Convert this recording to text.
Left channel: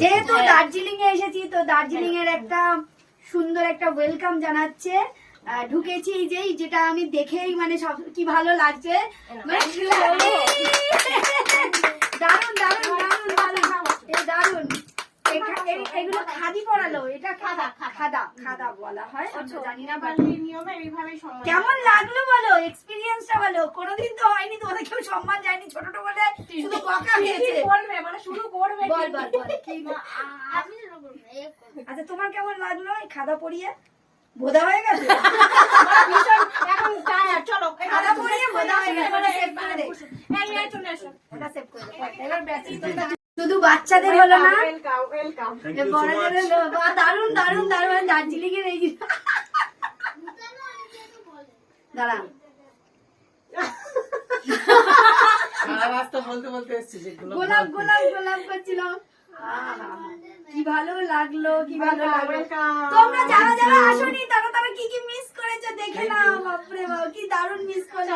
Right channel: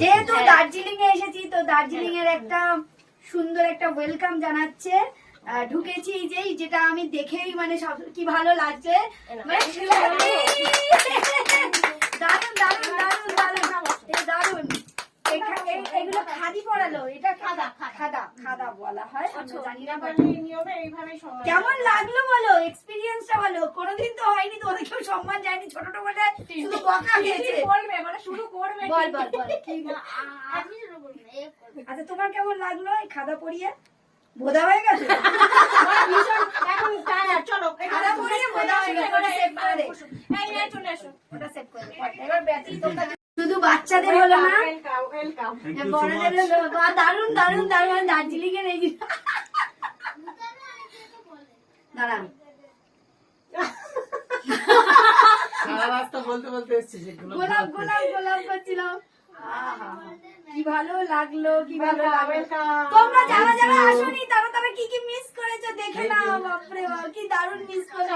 যেহেতু দার্জিলিং এ এসেছি তো দার্জিলিং এর একটা সুন্দর একটা ওয়েলকাম জানাচ্ছে। ঢুকেছি যেটা আমি দেখেই মানে সব কি ভালো লাগছে, দারুন দারুন দারুন দারুন দারুন। এগুলো খাদি পরালো, এটা খাদা খাদা খাদা বলা হয়, জানি না। কেমন লাগলো বলো, এক্সপিরিয়েন্সটা বলো। কোনোদিন তো হয়নি, তো ওদের কেউ সম্মান যায়নি, ছোট বলে শুধু বকা দিয়েছে। বল বল বল। আচ্ছা তোমার কেমন লাগলো এই খাদা পরিয়ে? বোধা হয়ে গেছে এখন, চলো খাদা পরিয়ে বোধা হয়ে গেছে। ওটা সেভ করে দে, এবার ব্যাটারি তোমরা শুধু বাচ্চাদের হলো না, বড়দের হলো। দারুন দারুন দারুন দার্জিলিং এর এই দাঁড়ান গোলাপ গোলাপ গোলাপ করছিলাম। কি ভালো লাগলো, কি ভালো লাগলো। তোমরা যারা যারা আসোনি তারা তারা কি কি মিস করেছো দেখে নাও। বাপরে বাপ, কি দারুণ মিস করেছো।